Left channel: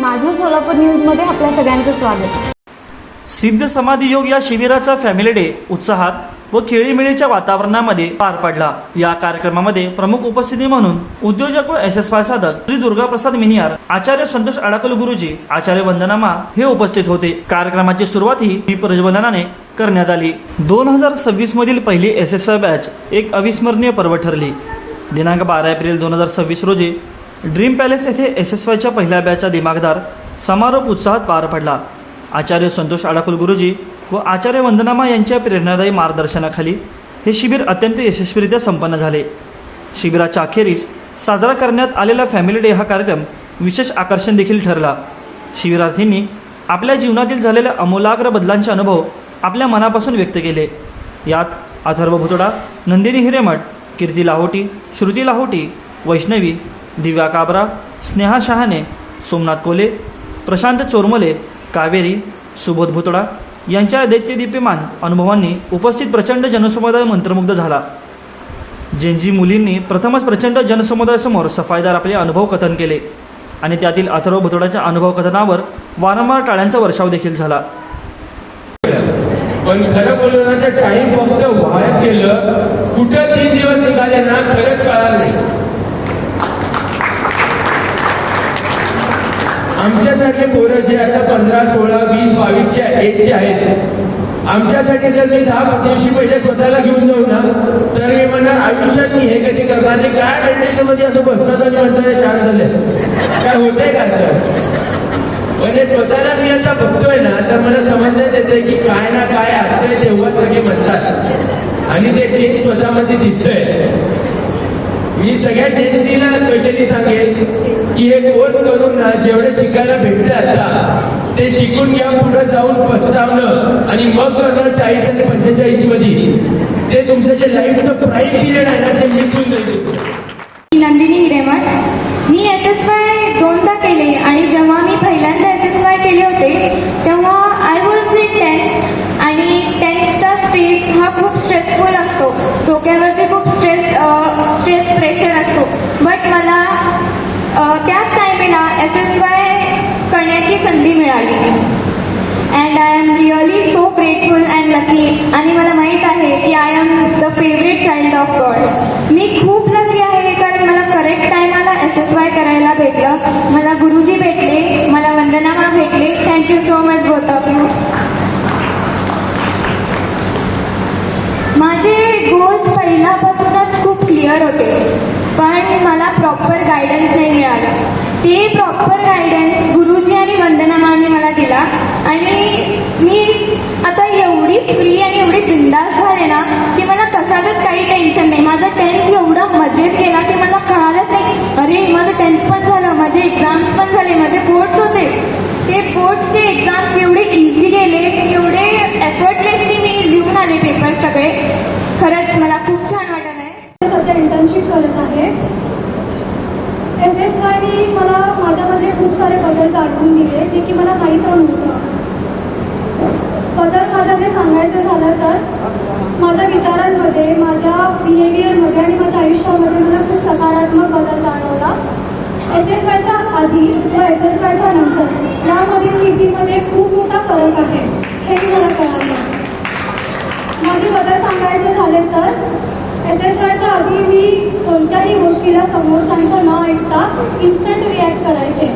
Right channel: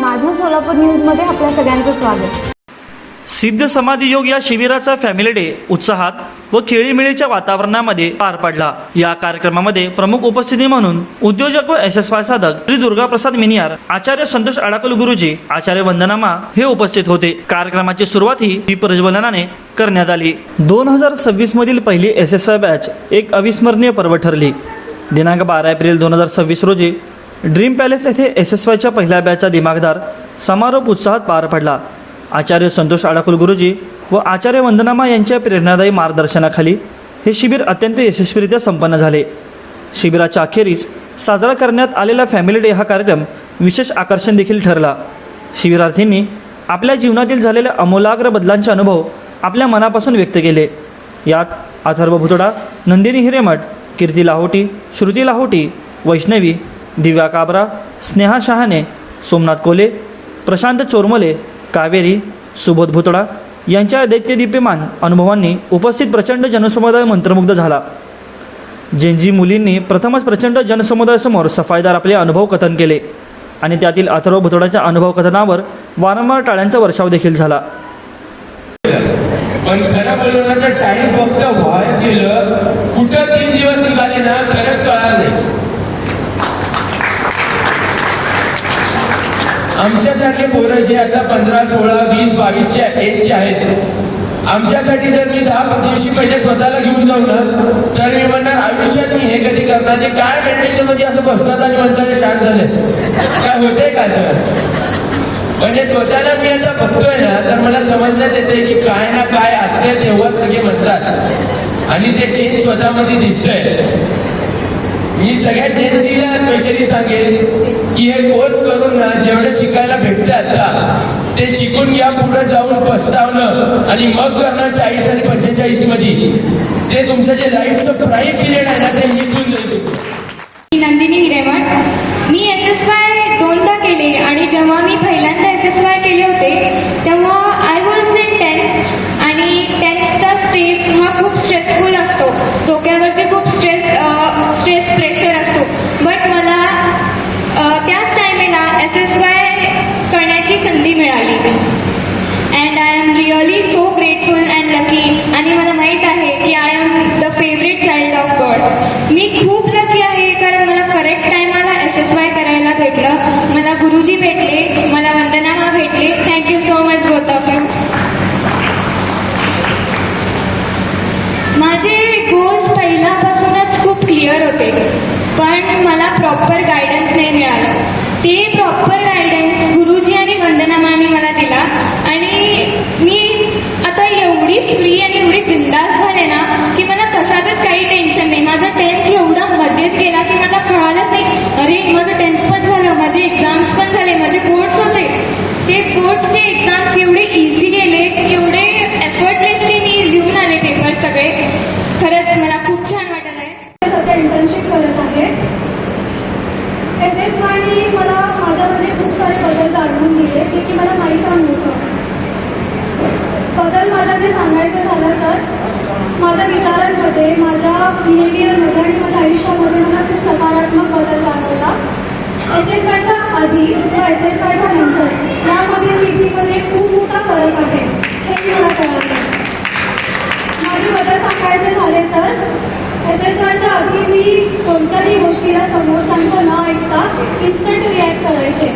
माझं सोलापूर न्यूजमध्ये आपल्या सगळ्यांचं स्वागत. सिद्ध समाधी योग या शिबिराचा फॅमिली डे उत्साहात व खेळीमेळीच्या वातावरणामध्ये पार पडला. या कार्यक्रमामध्ये प्रमुख उपस्थिती म्हणून उद्योजक व SSY साधक श्री दुर्गाप्रसाद मिनियार, आचार्य संतोष अडाकल गुरुजी, आचार्य वंदनामा हे उपस्थित होते. कार्यक्रमाची सुरुवात ही दीपप्रज्वलनाने करण्यात आली. 2026 मधील पहिली SSY बॅच एक अविस्मरणीय पर्व ठरली. दिनांक 12 एप्रिल 2026 रोजी ड्रीम पॅलेस येथे SSYच्या पहिल्या बॅचचा दिमागदार समारोप उत्साहात पार पडला. आचार्य संतोष अडाकुल गुरुजी व आचार्य वंदनामा यांच्या प्रेरणादायी मार्गदर्शनाखाली हे शिबिर अत्यंत यशस्वीरित्या संपन्न झाले. शिबिराच्या अखेरीस साजरा करण्यात आलेला फॅमिली डे हा कार्यक्रम विशेष आकर्षण देखील ठरला. शिबिरार्थींनी आपल्या जीवनातील झालेल्या आमूलाग्र बदलांचे अनुभव आपल्या मनापासून व्यक्त केले. यात अथर्व भुतडा, नंदिनी हिरेमठ, कीर्ती लाहोटी, श्रुती लाहोटी, वैष्णवी, दिव्या काबरा, स्नेहा शहाणे, सोमनाथ कोले, प्रशांत चोरमले, कावेरी, सुबोध भुतडा यांच्या दैत्यदीप्यमान अनुभवांनी उपस्थित प्रचंड जनसमुदाय मंत्रमुग्ध झाला. जेनजी मुलींनी प्रथमच प्रचंड जनसमुदायासमोर सफाईदार आपले अनुभव कथन केले आणि त्यातील अथर्व भुतडाच्या अनुभव कथनावर वारंवार टाळ्यांचा वर्षाव देखील झाला. पण खरं बोललो ना तर टाइम फक्त वाया गेलं. कुठं 3 दिवस निघाले ना खरंच कळणार नाही. आमच्यासारखे पोरं जे आता 15, 16, 20, 22च्या एजचे आहेत, आमच्यासाठी जर मी 10 दिवशी पहिले स्वतःला घेऊन जाऊ ना तर मी म्हणणार आयुष्यात मी हे कधी करणार नाही. काय मेडिटेशन मध्ये असं बसतात आणि म्हणतात शांत झाले, काय होतंय का सर? पण हे स्वतःला मी आता बघतोय ना तर मला समजण्यात येतंय की काय ना काय असते तेव्हा सगळे म्हणतात आणि ते चेंज स्वतःमध्ये दिसतंय. मी सगळ्या जेनझीला स्पेशली सांगेल की हे कोर्स करून ना जेवढं शिकायला भेटतं आता ते शिकून घ्या. पुढे जाऊन पस्तावणं आणि मग करणं 40 आणि 45 मध्ये ते तुमचं जे लाईफचं प्राईम पिरियड आहे ना ते मिस होऊन जाईल. नंदिनी हिरेमठ. मी SSY 2दा केले आणि जेव्हा मी पहिल्यांदा SSY केले होते तेव्हा आय वॉज इन 10th आणि 10thचा स्टेज हा खूप स्ट्रेसफुल असतो. डोक्यावरती खूप स्ट्रेस प्रेशर असतो. बट मला त्याच टायमेला SSY करण्याची संधी मिळाली and I am really so grateful and lucky. आणि मला माहीत आहे की I am the favourite child of God. मी खूप लकी आहे कारण मला करेक्ट टायमाला SSY करायला भेटलं. मला गुरुजी भेटले, मला वंदनामा भेटले. Thank you so much both of you. माझे गोल्स पहिल्यापासूनच खूप क्लिअर होते पण मला प्रॉपर गायडन्स नाही मिळाला. ते प्रॉपर गायडन्स गुरुजी आणि वंदनामाने मला दिला आणि मी आता एवढी फ्री आणि एवढी बिंदास झाले ना की मला कशातच काही टेन्शन नाही. माझा 10th एवढा मध्येच गेला की मला कळालंच नाही. अरे माझं 10th पण झालं, माझे एक्झाम्स पण झाले, माझे कोर्स होते. ते कोर्सचे एक्झाम्स एवढे इझी गेले, एवढे एफर्टलेसली मी लिहून आले पेपर सगळे. खरंच मला खूप छान वाटत आहे. सध्या इंटर्नशिप करत आहे. SSYने मला माझ्यामध्ये खूप सारे बदल जाणवून दिले जे की मला माहीत नव्हतं. बदल माझ्याकडे सांगायचं झालं तर माझ्या विचारांमध्ये, माझ्या बिहेवियरमध्ये आणि माझ्या आयुष्यामध्ये मला खूप सकारात्मक बदल जाणवला. SSYच्या आधी व SSYच्या नंतर यामधील नीतीमध्ये खूप मोठा फरक आहे हे मला कळाले. माझे बदल सांगायचे झाले तर SSYच्या आधी मी कोणत्याही गोष्टीला समोरच्यांचं न ऐकता इन्स्टंट रिॲक्ट करायचे.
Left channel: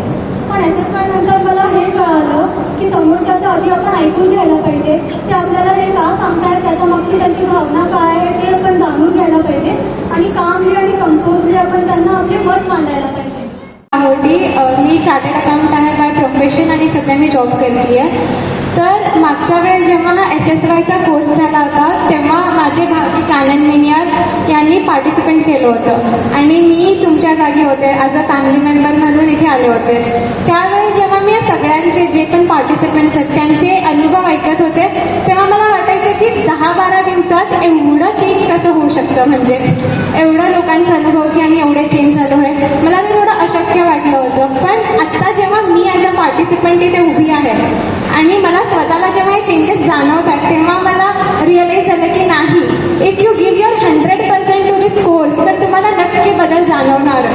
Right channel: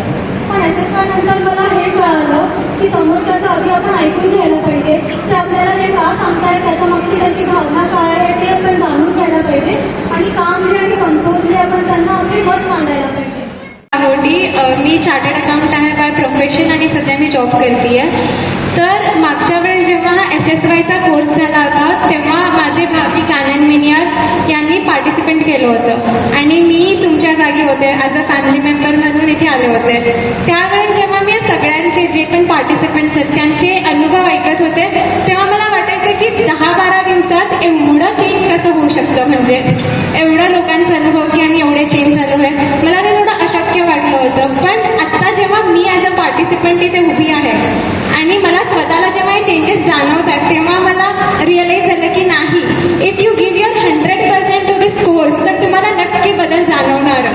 पण SSY नंतर मला हे कळालं की समोरच्याचं आधी आपण ऐकून घ्यायला पाहिजे. ते आपल्याला हे का सांगताय, त्याच्यामागची त्यांची भावना काय आहे ते आपण जाणून घ्यायला पाहिजे आणि कामली आणि कंपोजली आपण त्यांना आपले मत मांडायला पाहिजे. मी चार्टर्ड अकाउंटंट आहे प्रोफेशन आणि सध्या मी जॉब करते आहे. तर मागच्या वेळेस जेव्हा SSYचा कोर्स झाला होता तेव्हा माझे भावी कानन मिनियार यांनी पार्टिसिपेंट केलं होतं आणि मी तुमच्या जागी होते ॲज अ फॅमिली मेंबर म्हणून इथे आले होते. त्यावेळेस जेव्हा मी सगळ्यांचे जे पण पार्टिसिपेंट्स आहेत त्यांचे अनुभव ऐकत होते तेव्हा मला वाटायचं की 10-12 दिवसात एवढं चेंज कसं होऊ शकतं. म्हणजे एवढ्या लोकांचा अनुभव की आम्ही एवढे चेंज झालो आहे मला एवढं अशक्य वाटलं होतं. पण आत्ता जेव्हा मी ॲज अ पार्टिसिपंट इथे उभी आहे आणि मला स्वतःला जेव्हा हे चेंजेस जाणवतात तेव्हा मला रिअलाइज झालं की नाही, if you give your 100% to this course तर तुम्हाला नक्की बदल जाणवणार.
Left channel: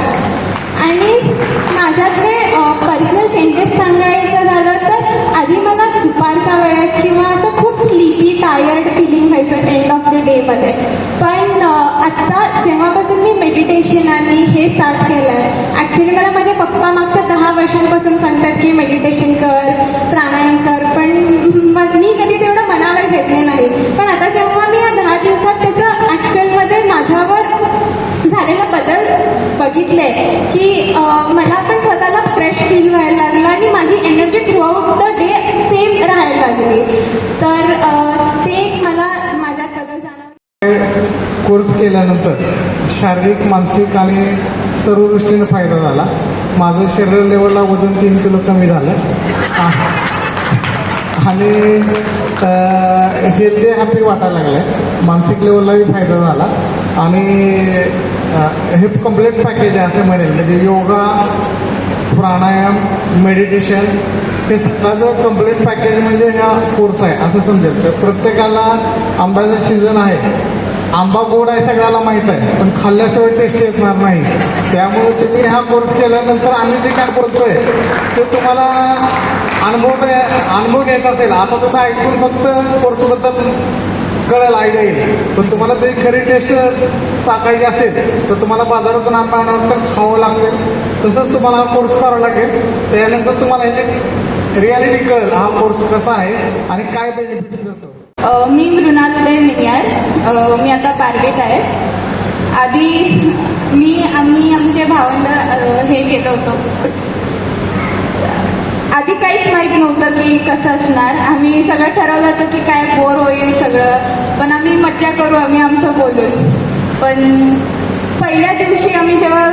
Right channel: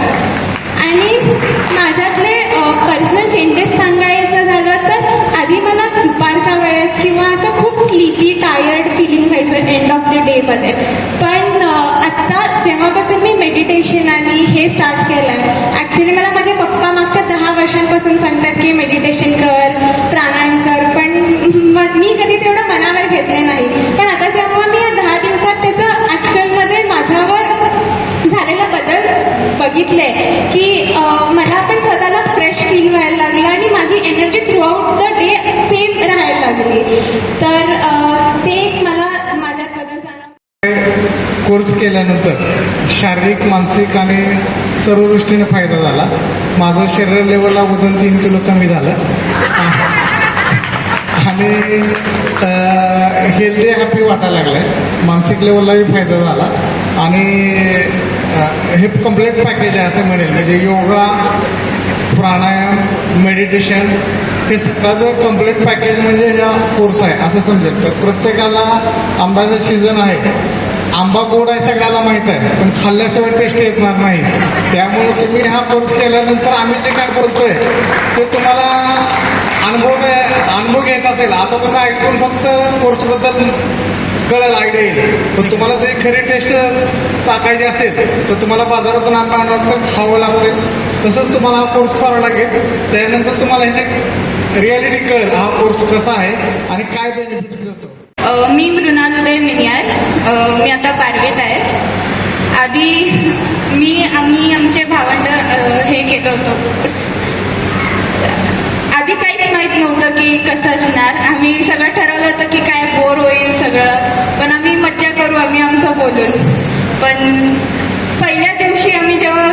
आणि माझ्याकडे पर्सनल चेंजेस मध्ये. पण आत्ता जेव्हापासून मी मेडिटेशन आणि हे स्टार्ट केलं आहे, ॲक्च्युली मला माझे पप्पा मागच्या 10 वर्षांपासून सांगतात की मेडिटेशन कर, प्राणायाम कर, पण मी कधी तेवढं मनावर घेतले नाही. पण आता जेव्हा मी या 10 दिवसात त्याचं ॲक्च्युअलमध्ये माझ्यावर झालेला बदल बघितले की मला पण स्वतःला फ्रेश फील व्हायला लागलं आणि माझी energy through out the day same राहायला लागली. तर ते मला माझ्यात बदल झाला. कोर्स केल्यानंतर शारीरिक, मानसिक आणि सर्व दृष्टीने फायदा झाला. माझं शरीर लेवलला वजन 3 किलो कमी झालं आणि हेल्दी हॅपी वाटायला लागलं. मानसिक लेवललाही फायदा झाला आणि हे कम्प्लीट पॅकेज आहे असं म्हणेल. म्हणजे योगा, प्राणायाम, मेडिटेशन हे सगळ्याचं कम्प्लीट पॅकेज म्हणजे हा कोर्स आहे असं समजेल. तर प्रत्येकाला आंब्याचा सीझन आहे, आंबा गोड आहे सगळ्याला माहीत आहे, पण खाल्ल्याशिवाय टेस्ट येणार नाही. त्यामुळे तुम्ही हा कोर्स केल्यानंतर आम्ही जे काय करतोय ते तुम्हाला अनुभव येत असेल. आता तुम्ही ऐकून फक्त कोर्सबद्दल कळायला आयडिया येईल, तर तुम्हाला ते खरी टेस्ट टाकायची असेल तर तुम्हाला बाजारातून आणल्यानंतर खावं लागते. तसंच तुम्हाला हा कोर्स करावा लागेल. त्यानंतर तुम्हाला ह्याची रियालिटी कळेल हा कोर्स कसा आहे आणि काय बेनिफिट्स देतो. मी मृणाल उदय मिनियार, मी आता 12वीत आहे. आधी आम्ही आमचे भावंड हे केलं होतं. आधी काहीच माहीत नव्हतं की कसं असणार. आम्ही सगळं ठरवलं होतं की काय बोर होईल सगळं, पण आम्ही मज्जा करू आम्ही आमचं बोलून. पण पहिल्या दिवशी आम्ही जेव्हा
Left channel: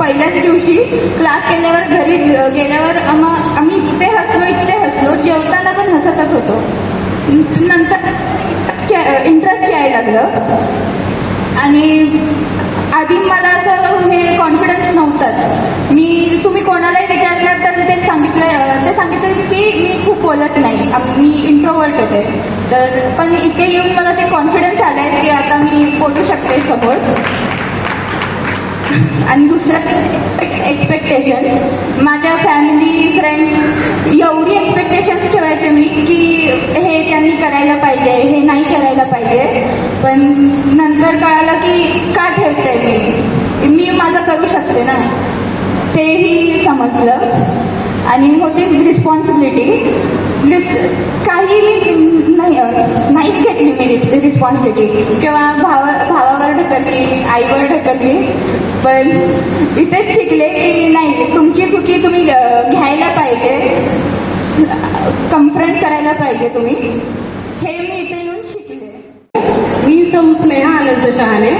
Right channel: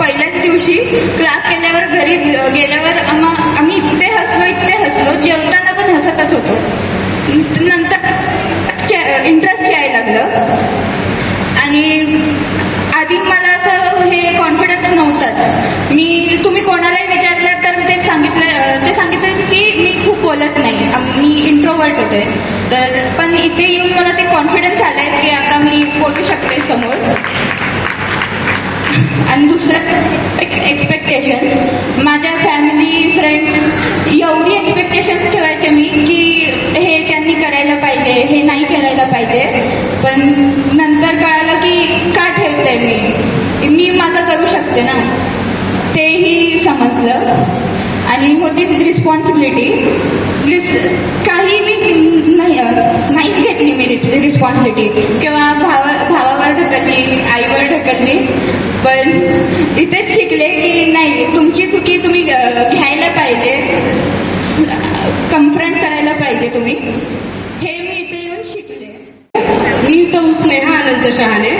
पहिल्याच दिवशी क्लास केल्यावर घरी गेल्यावर आम्ही इतके हसलो, जेवताना पण हसतच होतो. नंतर इंटरेस्ट यायला लागलं आणि आधी मला असं हे कॉन्फिडन्स नव्हताच. तुम्ही कोणालाही विचारलं तर ते सांगितलं की मी खूप बोलत नाही, मी इंट्रोवर्ट होते. तर पण इथे येऊन मला ते कॉन्फिडन्स आलाय की आता मी बोलू शकते समोर. आणि दुसरं एक्सपेक्टेशन, माझ्या फॅमिली, फ्रेंड्स एवढी एक्सपेक्टेशन्स ठेवायचे मी की हे त्यांनी करायला पाहिजे, हे नाही करायला पाहिजे. पण नंतर कळालं की का ठेवते मी माझं करू शकते ना, तेही समजलं. आणि होती रिस्पॉन्सिबिलिटी. काही मी नाहीच घेतली मी रिस्पॉन्सिबिलिटी, किंवा भावावर ढकलली, आईवर ढकलली. पण इथेच शिकले की नाही, तुमची चुकी तुम्ही घ्यायला पाहिजे, कन्फ्रंट करायला पाहिजे तुम्ही. हे मी इथे येऊन शिकले. मी सौ स्नेहा आनंद शहाणे.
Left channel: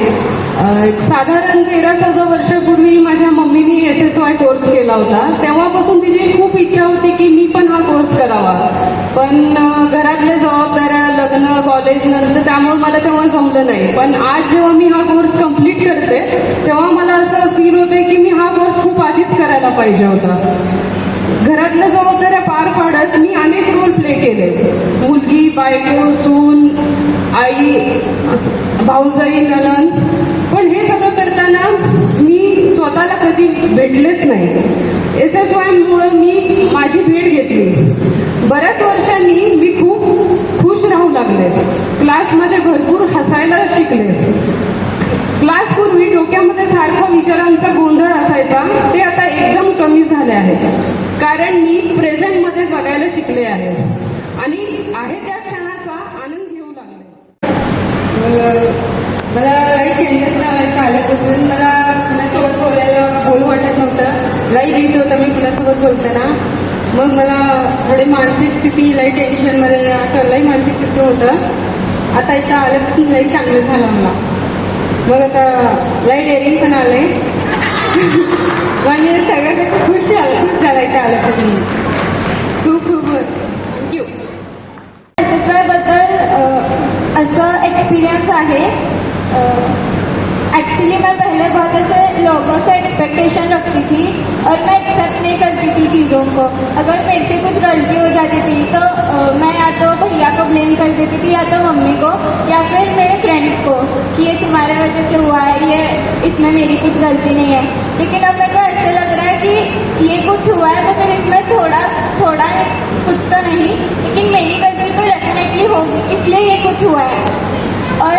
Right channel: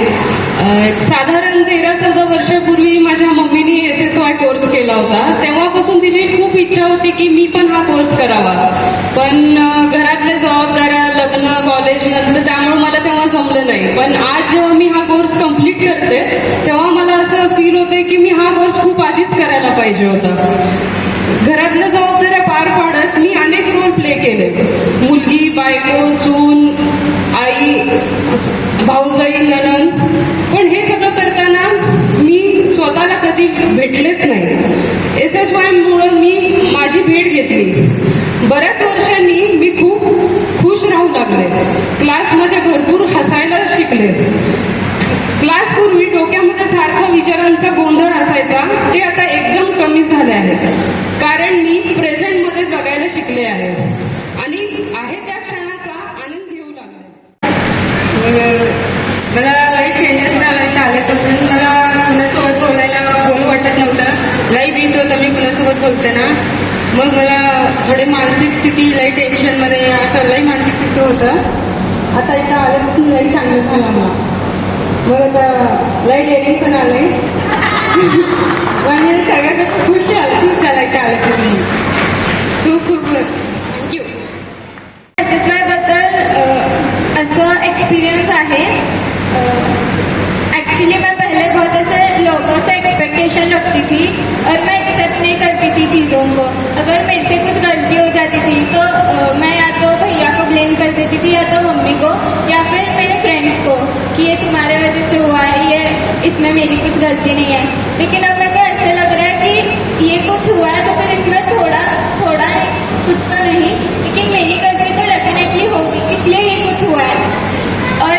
साधारण 13-14 वर्षापूर्वी माझ्या मम्मीने SSY कोर्स केला होता. तेव्हापासून तिची खूप इच्छा होती की मी पण हा कोर्स करावा, पण घरातल्या जबाबदाऱ्या, लग्न, कॉलेज नंतर त्यामुळे मला तेव्हा जमलं नाही. पण आज जेव्हा मी हा कोर्स कम्प्लीट करते तेव्हा मला असं फील होते की मी हा कोर्स खूप आधीच करायला पाहिजे होता. घरातल्या जबाबदाऱ्या पार पाडत मी अनेक रोल प्ले केले. मुलगी, बायको, सून, आई, भाऊजाई, नणंद. पण हे सगळं करताना मी स्वतःला कधी भेटलेच नाही. SSY मुळे मी माझी भेट घेतली. बऱ्याच वर्षांनी मी खूप खुश राहू लागले. क्लासमध्ये भरपूर हसायला शिकले. क्लासपूर्वी डोक्यामध्ये सारखा विचारांचा गोंधळ असायचा, ते आता एकदम कमी झाले आहे. कारण मी प्रेझेंटमध्ये जगायला शिकले आहे आणि आहे त्या क्षणाचा आनंद घेऊ लागले. मला लाईफ चेंजेस आल्यापासून मला कुणासोबत बोलू वाटत नव्हतं. लाईफ येत होतं मी कुणासोबत बोलताना. मग मला थोडे मानसिक स्थिती, लई टेन्शनमध्ये असं लई मानसिक स्थिती होतं. आता इथं आल्यापासून लई चांगलं झालं. मग आता लई डेअरिंग पण आले. म्हणजे सगळ्यात खुश झालं इथं आल्यापासून. खूप खूप थँक्यू. SSY बद्दल असं एक्सपीरियंस आहे. एक्चुअली मैं पहले बहुत ऐसे लोगों से एक्सपेक्टेशन रखती थी और मैं एक्सेप्ट नहीं करती थी चीज़ों को. अगर मेरे से कुछ गलती हो जाती थी तो मैं या तो भैया को ब्लेम कर देती थी, या तो मम्मी को, या फिर मेरे फ्रेंड्स को कि ये तुम्हारे वजह से हुआ है, ये इसमें मेरी कुछ गलती नहीं है. लेकिन अब मेरे को ऐसा लग रहा है कि ये कुछ हुआ है तो फिर इसमें थोड़ा कुछ तो नहीं, लेकिन मेरी गलती तो डेफिनेटली होगी, इसलिए ये कुछ हुआ है. और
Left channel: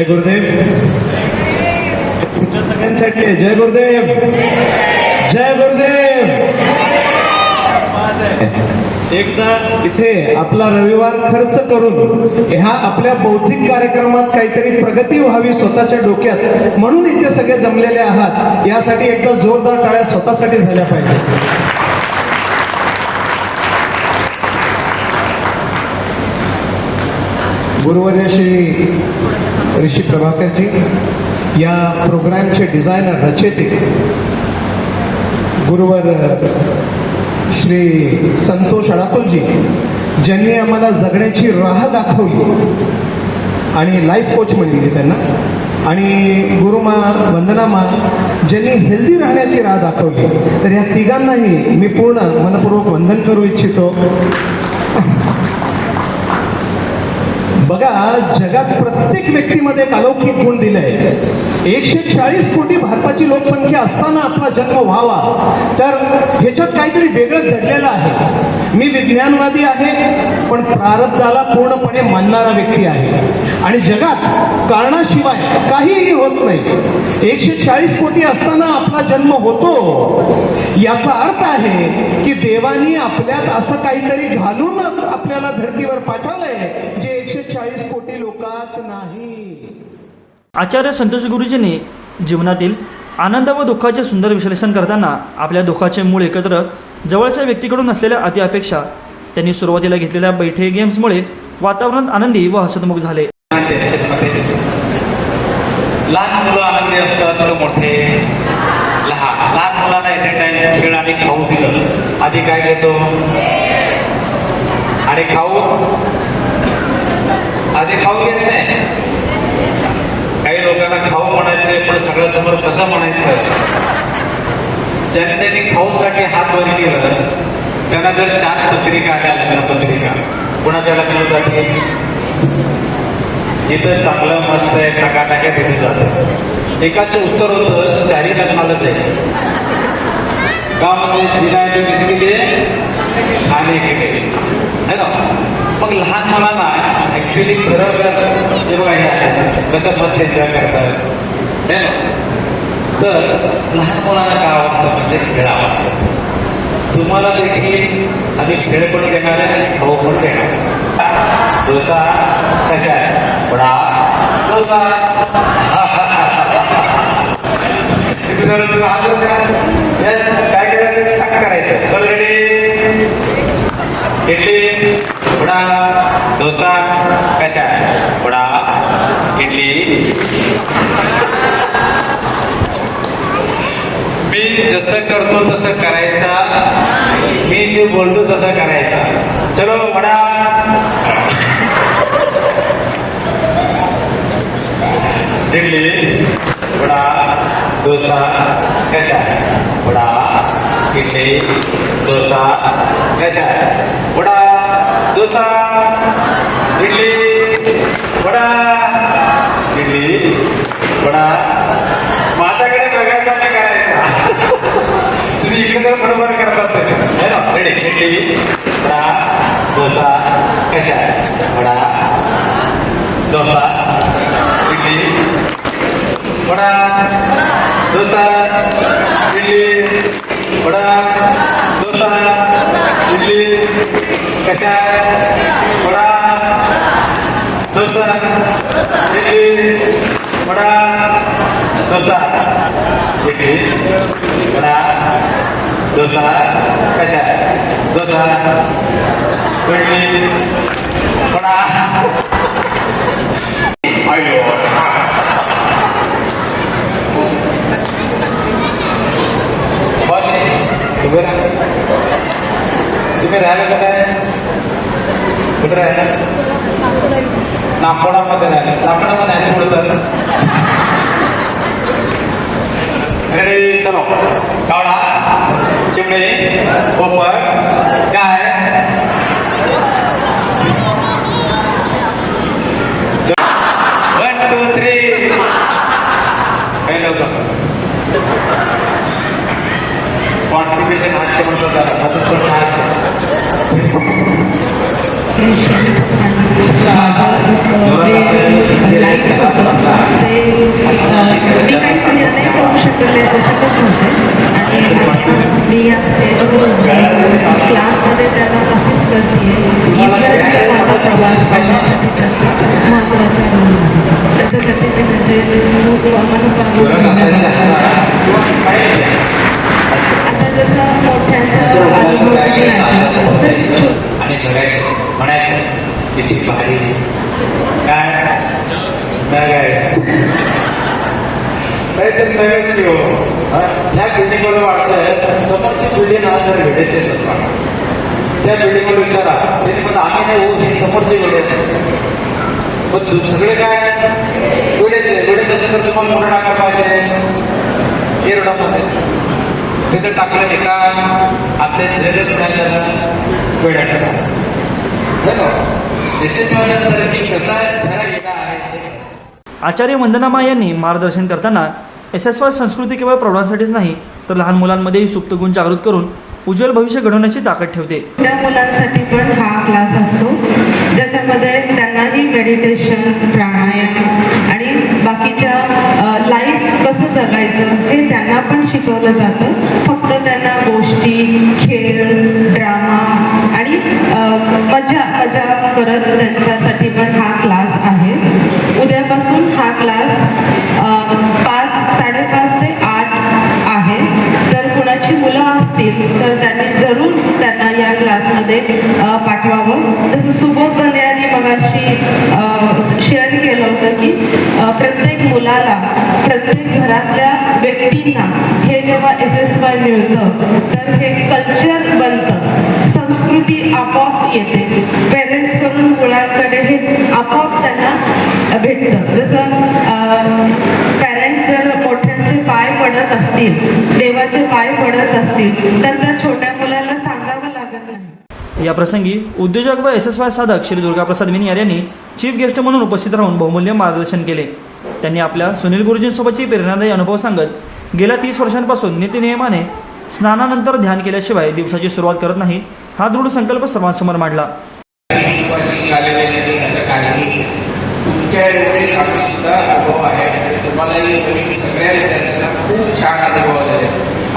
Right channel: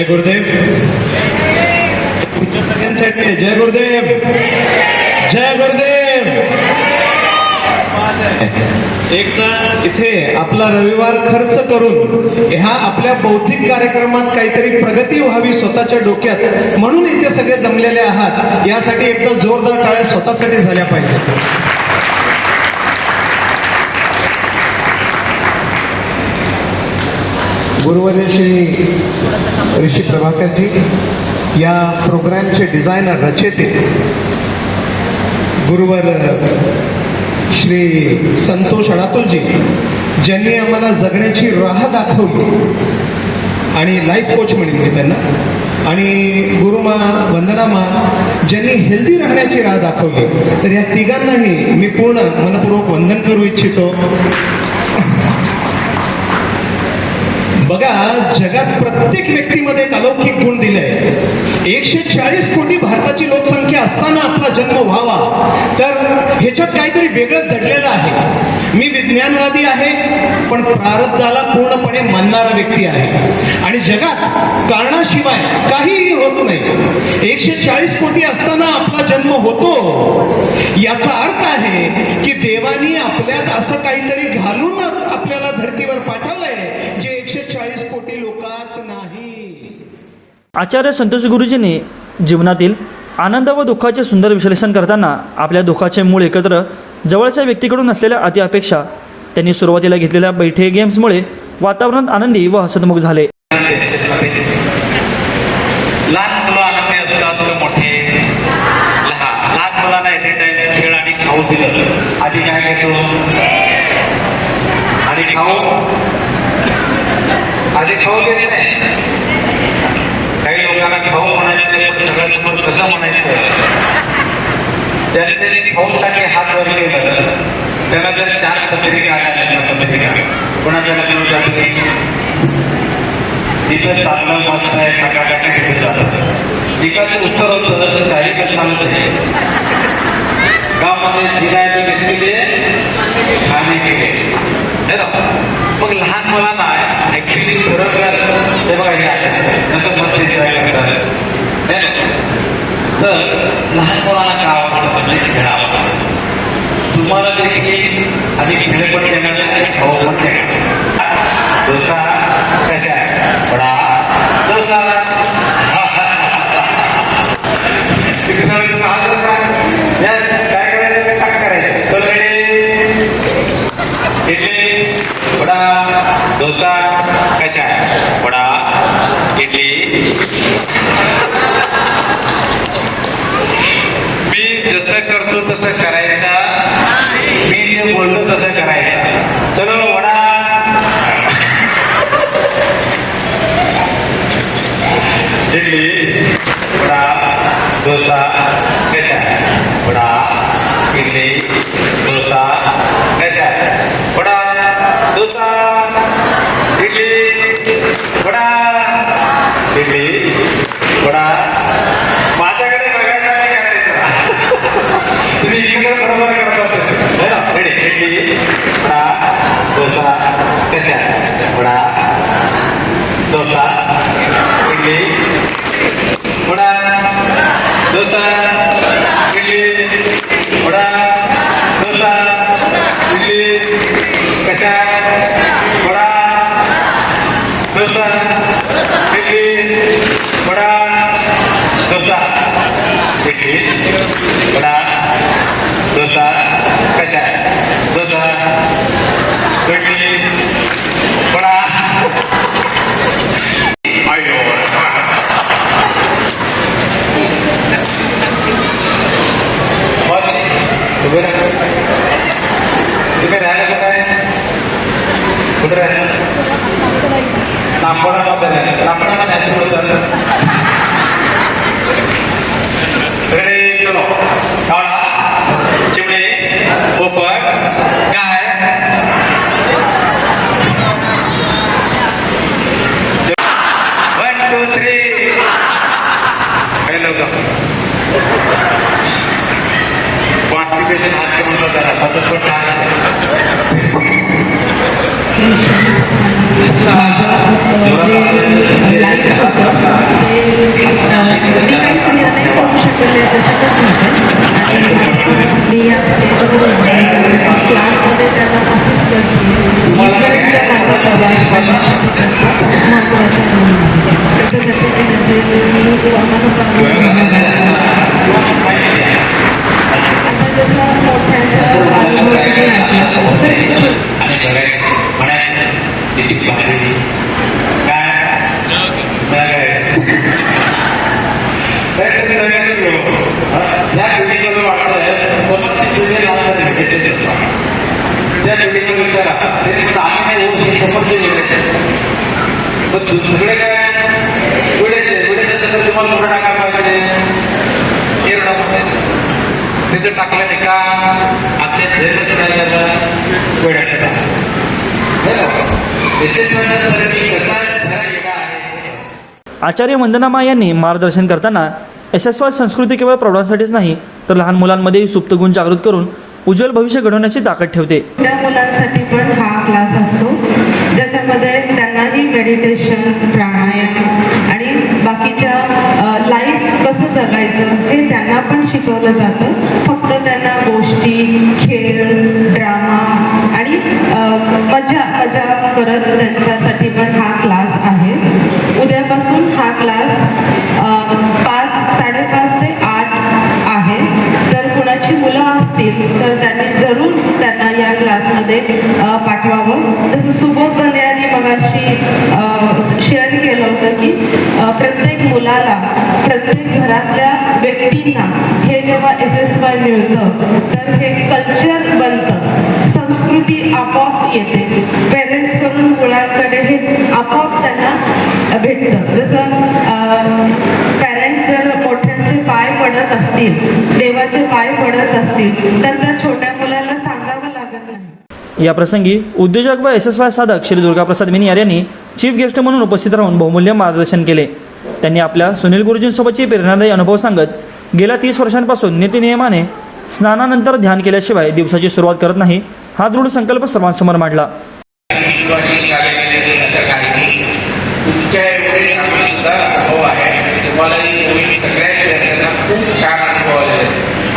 जय गुरुदेव. तुमच्या सगळ्यांसाठी जय गुरुदेव. जय गुरुदेव. एकदा इथे आपला रविवार खर्च करून ह्या आपल्या बौद्धिक कार्यक्रमात काहीतरी प्रगती व्हावी स्वतःच्या डोक्यात, म्हणून इथे सगळे जमलेले आहात. यासाठी एकदा जोरदार टाळ्या स्वतःसाठी झाल्या पाहिजे. गुरुवर्य श्री ऋषी प्रभाकरजी या प्रोग्रामचे डिझायनर रचेते, गुरुवर श्री संतोष अडाकुलजी ज्यांनी आम्हाला जगण्याची राह दाखवली आणि लाईफ कोच म्हणली त्यांना, आणि गुरुमा वंदनामा ज्यांनी हेल्दी राहण्याची राह दाखवली. तर या तिघांनाही मी पूर्ण मनपूर्वक वंदन करू इच्छितो. बघा, जगात प्रत्येक व्यक्तीमध्ये एक अलौकिक गुण दिलाय. 140 कोटी भारताची लोकसंख्या असताना आपला जन्म व्हावा, तर ह्याच्यात काहीतरी वेगळं दडलेलं आहे. मी विज्ञानवादी आहे, पण प्रारब्धाला पूर्णपणे मानणारा व्यक्ती आहे. आणि जगात कारणाशिवाय काहीही होत नाही. 140 कोटी असताना आपला जन्म होतो, याचा अर्थ आहे की देवानी आपल्यात असं काहीतरी घालून आपल्याला धर्तीवर पाठवलंय जे 140 कोटी लोकात नाही. आचार्य संतोष गुरुजींनी जीवनातील आनंद व दुःखाचे सुंदर विश्लेषण करताना आपल्या दुःखाचे मूळ एकत्र जवळच्या व्यक्तीकडून असलेल्या अति अपेक्षा त्यांनी सुरुवातीला घेतलेल्या बैठे गेम्समुळे वातावरण आनंदी व हसतमुख झाले. लहान मुलं आनंदी असतात तर मोठे लहान मुलांना एनी टाइम खेळ आणि खाऊ दिलं, आधी काय घेतो आणि खाऊ घेत नाही. काही लोकांना खाऊ म्हणायचं, पण सगळं समोर कसं म्हणायचं. ज्याने त्यांनी खाऊसाठी हात वर केलं त्याला जर 4 पत्रिका आल्या, पत्रिका कोणाच्या लग्न जाते, जिथं चांगलं मस्त आहे टाका तिथे जातं. एकाचं उत्तर होतं शाही लग्नाला जाईल का, म्हणजे जिला आहे तो दिसली आणि है ना. मग लहान मुलांना ऍक्च्युली खरोखर हे बघा हे कसं मस्त एन्जॉय करतात है ना. तर लहान मुलांना काय आवडतं म्हणजे खेळ आवडतं. तुम्हाला देखील आणि खेळ पण देणार आणि खाऊ पण देणार. डोसा कशा आहे, वडा डोसा काय करायचं, काय करायचं. चल रेडी, इडली वडा डोसा कशा आहे, वडा इडली. मी जसं करतो तसं करायचं, मी जे बोलतो तसं करायचं. चलो वडा इडली वडा डोसा कशा आहे, वडा इडली डोसा कशा आहे, वडा डोसा इडली वडा इडली वडा. माझ्याकडे बघायचा आणि करायचा. तुम्ही इकडे बरोबर करतात. रेडी, इडली वडा डोसा कशा आहे, वडा डोसा इडली वडा डोसा इडली वडा डोसा इडली कशा वडा डोसा इडली वडा डोसा इडली वडा डोसा कशा डोसा इडली वडा. बस तुम्ही राहिलं का काय, कुठे राहिलं, नागपुरामध्ये राहिलं. नागपुरामध्ये आहे बोलतात. रेडी, चलो. कावळा, चिमणे, पोपट, गाय. 1 2 3 काही नव्हतं. कॉन्स्टिपेशन हास्य म्हणतो त्याला. माझं जे लाईक होतं इथपर्यंत माझा प्रवास करण्यासाठी त्यांचा महत्त्वाचा रोल आहे. त्याच्यासाठी मी त्यांचे खूप आता जसं मोठ्यांचा अनुभव तुम्ही ऐकला तसंच आणि म्हणायचं किती भारी काय काहीतरी नव्याच घेऊ ह्या बिल्डिंगमध्ये वाटतं समोरची बिल्डिंग आज भेटायचीच नसतात. त्या बिल्डिंगवर विचारा त्यांनी पण आम्ही नाही हो ही समोरची बिल्डिंग पण सगळे काय वेळेचे असेल तर तुम्हाला मोठा टाका पाहिजे तिथे टाकल्याने का आपल्या झेलच काय करणार वेळा विशेषमध्ये कसा वेगळा आहे. आचार्य वंदनामा यांनी मार्गदर्शन करताना SSY संस्कृती केवळ प्रौढांसाठीच नाही तर लहान मुलांमध्येही सुप्त गुण जागृत करून उज्ज्वल भविष्य घडवण्याची ताकद ठेवते. त्या मुलांसाठी पण हा क्लास असतो ज्याच्यामध्ये त्यांनाही मेडिटेशन, प्राणायाम आणि बाकीच्या लाईफ कसं जगायचं हे त्यांना पण शिकवलं जातं. फक्त त्यांना गोष्टी, खेळ, ड्रामा आणि मजा करत त्यांच्यासाठी पण हा क्लास आहे. उद्यापासून हा क्लास 5:30 ते 8 आहे. जर कुणाची मुलं असतील तर त्यांनी जरूर त्यांना या क्लासमध्ये पाठवावं. जसं सुबोध बने यांनी मगाशी शेअर केलं होतं की प्रत्येक मुलाला, प्रत्येक घरातल्या व्यक्तींना हे जेव्हा SSY मिळतं तर हे कल्चर बनतं, संस्कृती आपोआप येते. पेरेंट्स कडून मुलांकडे हे आपोआप त्यांना भेटतं. जसं पॅरेंट्स जर मोठ्यांचे पाय पडत असतील, देवाचे पाय पडत असतील तर त्या छोट्या मुलाला सांगावं लागत नाही. या प्रसंगी उद्योजक व SSY साधक श्री दुर्गाप्रसाद मिनियार यांनी चीफ गेस्ट म्हणून उपस्थित राहून बहुमूल्य मार्गदर्शन केले. त्यांनी आपल्या सुनील गुरुजींसोबतची प्रेरणादायी अनुभव सांगत गेल्या 30 वर्षांपासून नित्यनियमाने स्नानानंतर ध्यान केल्याशिवाय दिवसाची सुरुवात करत नाही हा दृढ संकल्प सर्वांसमोर मांडला. तुमच्या एवढे आम्ही सुद्धा अनुभव आहे. तुम्हालाही सगळ्या विद्यार्थ्यांना खूप छान अनुभव आले.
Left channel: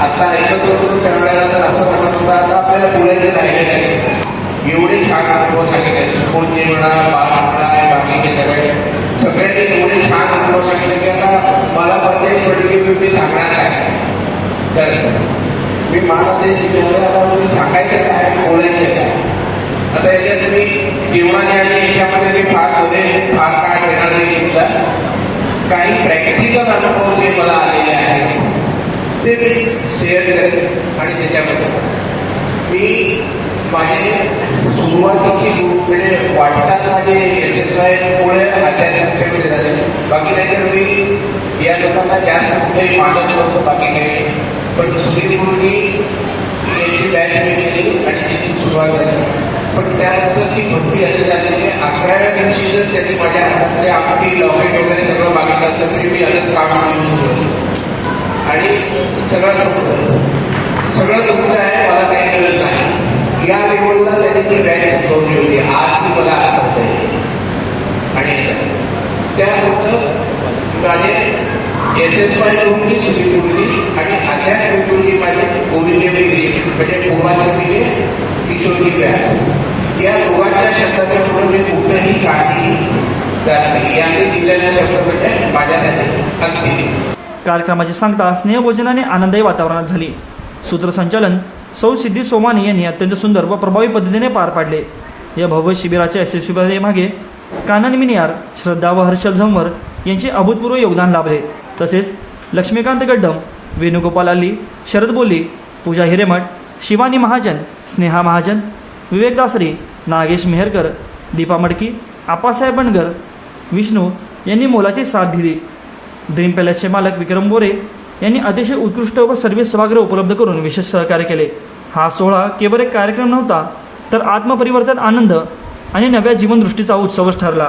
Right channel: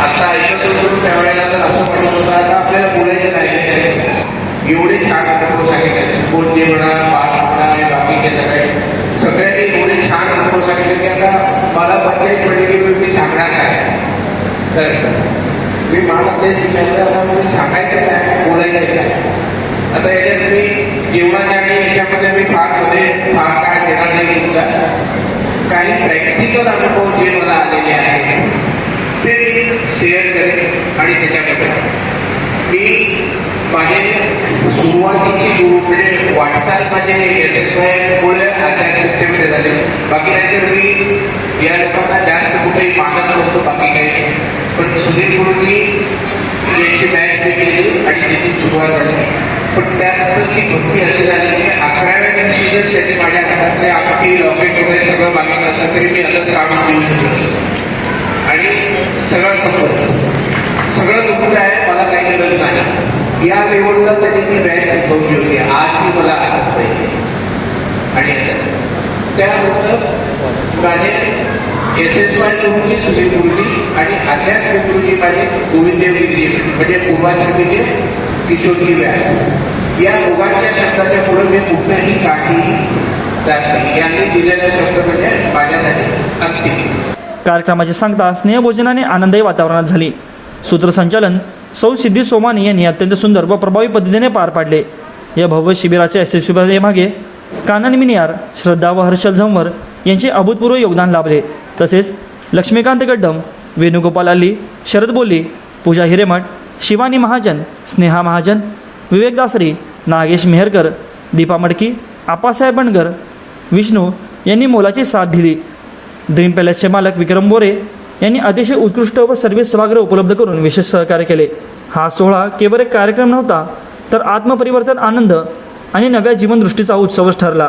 आता ऐकत होतो त्यावेळेला तर असं म्हणत होता आपल्याला बोलायचे नाही, एवढे छान अनुभव सांगितले. सुखोदे म्हणा, बाकीचे सगळ्यांनी एवढे छान अनुभव सांगितले की आता मला पंचायत पडली मी सांगणार नाही. तर मी मला सांगायचं काय, बोलायचं काय. आता याच्यात मी जीवनाच्या आणि याच्यामध्ये मी फार काय देणार नाही. तुमचा काही प्रॅक्टिकल अनुभव जे मला आलेले आहेत ते मी शेअर करेन. आणि त्याच्यामध्ये मी माझे सुरुवातीची म्हणजे वाटचाल माझे SSY मुळे आध्यात्मिकतेमध्ये झाले. बाकी नाहीतर मी या लोकांना जास्त कुठेही मानत नव्हतो, बाकी काही. पण सुनील गुरुजी यांची बॅच मी केली आणि त्याची सुरुवात झाली. पण त्यानंतर ती भक्ती अशी झाली की 11व्या दिवशी जर त्यांनी माझ्या हातातले आपली लॉकेट वगैरे सगळं मागत असलं तरी मी असंच काम देऊ शकतो. आणि सगळं तुमचं आहे, मला काही गरज नाही. या लेवलला त्यांनी ती बॅच शिकवली होती. आज ती मला आठवत पाहिजे. आणि त्यानंतर माझे SSY गुरुजी, सुनील गुरुजी आणि आध्यात्मिक गुरुजी माझे गोविंददेव डिग्री म्हणजे पूर्वाश्रमीचे किशोरी व्यास. या दोघांच्या शब्दाच्या पुढे मी कुठेही काही जात नाही. यांनी दिलेला शब्द म्हणजे माझ्यासाठी अंतिम. कार्यक्रमाची सांगता स्नेहभोजनाने आनंददायी वातावरणात झाली. सूत्रसंचालन सौ सिद्धी सोमानी यांनी अत्यंत सुंदर व प्रभावी पद्धतीने पार पाडले. या भव्य शिबिराच्या यशस्वी मागे कानन मिनियार, श्रद्धा व हर्षल झंवर यांचे अभूतपूर्व योगदान लाभले. तसेच लक्ष्मीकांत गड्डम, वेणुगोपाल अल्ली, शरद बोल्ली, पूजा हिरेमठ, शिवानी महाजन, स्नेहा महाजन, विवेक दासरी, नागेश मेहरकर, दीपा मडकी, आप्पासाहेब बनगर, विष्णू यांनी मोलाची साथ दिली. ड्रीम पॅलेसचे मालक विक्रम बोरे यांनी अतिशय उत्कृष्ट व सर्व्हिस सभागृह उपलब्ध करून विशेष सहकार्य केले. हा सोहळा केवळ एक कार्यक्रम नव्हता तर आत्मपरिवर्तन, आनंद आणि नव्या जीवनदृष्टीचा उत्सवच ठरला.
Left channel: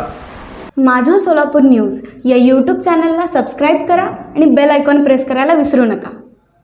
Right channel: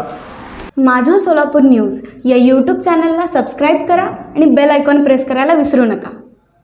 माझं सोलापूर न्यूज या यूट्यूब चॅनलला सबस्क्राईब करा आणि बेल आयकॉन प्रेस करायला विसरू नका.